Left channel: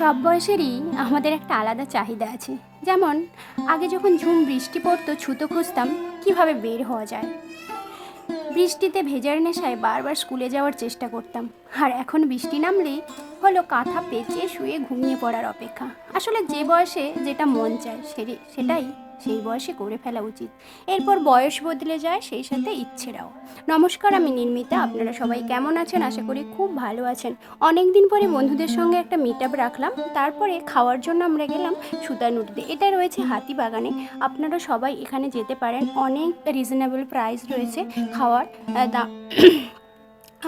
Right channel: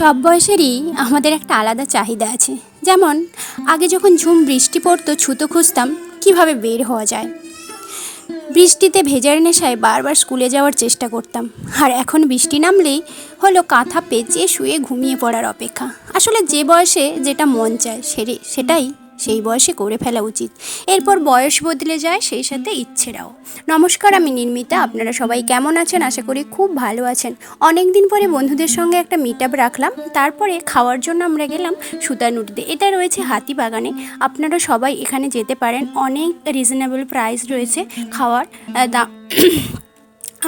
সব বয়সেরই আমাদের একটা আলাদা চাহিদা আছে। যেমন আগে যখন ঝুম বৃষ্টি পড়তো ছুতো খুঁজতাম কিভাবে বের হওয়া যায়। বৃষ্টিতে ভেজার নেশায় বারবার স্কুলে যাওয়ার চেষ্টা করতাম। আর এখন বৃষ্টি নামলেই হলো কাঁথা পেঁচিয়ে শুয়ে ঘুমিয়ে পড়ার অপেক্ষা। আসলে যে বয়সে যেটা মন চায় সেটাই সেই বয়সে করে ফেলা উচিত। এরপর বয়স বদলে যায়, সেই সাথে ইচ্ছেরাও। নমস্কার, আমি নির্মিতা। আপনারা সবাই কেমন আছেন? আশা করি খুব ভালো আছেন। অনেক দিন পরে বন্ধুদের সঙ্গে একটা মিট আপ রাখলাম, তারপরে খাওয়ার জন্য আমরা গেলাম সুতানুটিতে। এটা রয়েছে হাতিবাগানে। আপনারা সবাই এখানে যেতে পারেন, অনেক রিজনেবল প্রাইস রয়েছে খাওয়ার দাম।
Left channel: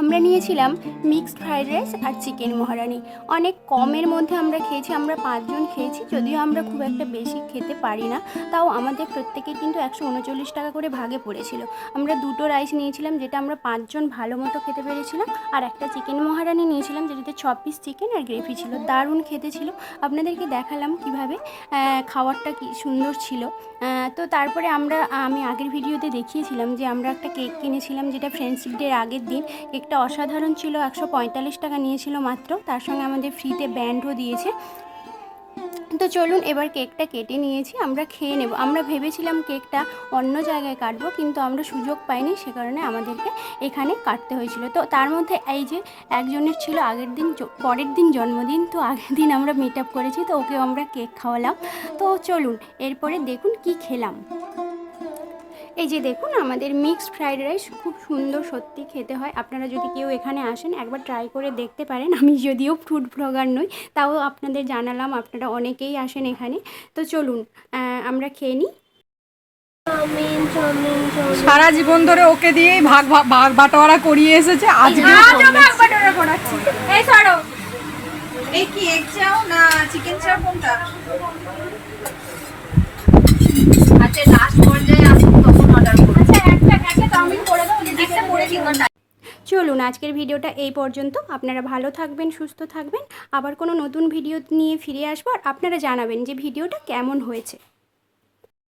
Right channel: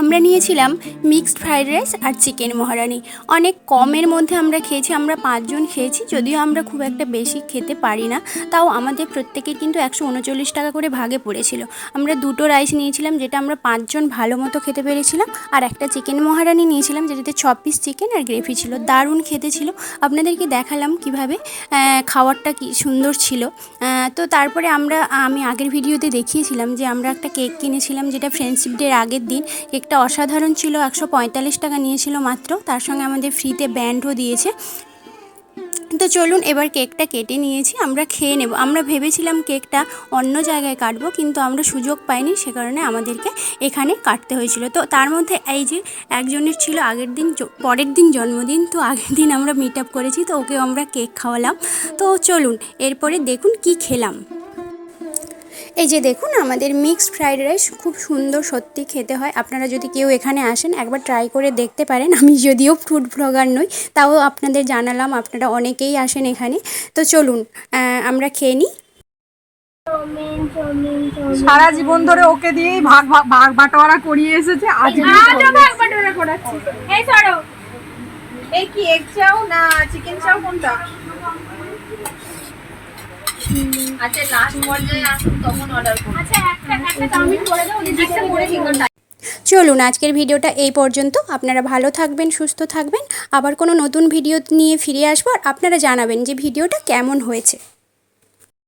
আমরা নিয়েছিলাম মিক্সড ফ্রাইড রাইস আর চিকেন মহারানি। অনেক কমের মধ্যে আমরা খেয়েছি, আমরা 5 জন খেয়েছি। যদিও আমরা খুব একটা বেশি খেতে পারি না, তাও আমাদের প্রত্যেকের কিন্তু 139 টাকা করে ভাগে পড়েছিল। আমরা 2টো রাইস নিয়েছিলাম, যেটা আমরা 5 জন ভালো মতো খেতে পেরেছিলাম, আর একটা চিকেন মহারানি নিয়েছিলাম, যেটাতে 6 পিস চিকেন আর গ্রেভি ছিল। দারুণ খেতে ছিল। আপনাদেরকে দেখালাম কিভাবে খাবারটা কি সুন্দর ছিল। তো তারপরে আমি আগের ভিডিওতে দেখিয়েছিলাম যে আমরা একটা কেক কিনেছিলাম, যেটা ফ্রেন্ডশিপ ডের আগের দিন। কেকটা অসাধারণ ছিল, 145 টাকা নিয়েছিল মাত্র। তার সঙ্গে আমাদের ফ্রিতে ব্যান্ডও দিয়েছে। তো চলুন এবার কেকটা কেটে নিয়েছি, আমরা খেয়ে নেব। আমরা ভেবেছিলাম কেকটা অন্য জায়গায় কাটবো, কিন্তু আমরা সুযোগ পাইনি, সে কারণে আমাদেরকে এখানে কাটতে হয়েছিল। তো তার মধ্যে এই যে একজনের ছিল পরের দিন জন্মদিন, তো আগের দিন আমরা মিট আপ করেছি, তো ওকে আমরা কেক খাওয়ালাম। তো চলুন এরপরে দেখুন কি খেলাম। এই যে দেখুন আমাদের মিক্সড ফ্রাইড রাইস, খুব সুন্দর, সত্যি খেতে হয়। আপনারা যদি কেউ এখানে আসেন একবার ট্রাই করে দেখতে পারেন। আমি যদিও ফুড ব্লগার নই, তাও আপনাদের জানালাম, আপনারা অনেকেই আসেন এখানে। তো চলুন আমরা খেয়ে নিই। সারা জীবন ধরে ওকে দিয়েই ভাগ বাটোয়ারা করিয়ে এসেছে, আজকে ভাগ বাটোয়ারা করাচ্ছি। এই সরো, এই কি এগ চাও না চিকেন চাও, কোনটা? আচ্ছা লাস্ট পর্যায়ে আসুন তখন অর্ডার করুন। আচ্ছা একটা চাউমিন করে দাও, একটা করে দিন। চলুন আজকের ভিডিওটা এই পর্যন্ত। আপনারা ভালো থাকবেন, সুস্থ থাকবেন। আবার কোনো নতুন ভিডিও নিয়ে ফিরে আসবো, আর আপনারা জানাবেন যে ভিডিওটা কেমন হয়েছে।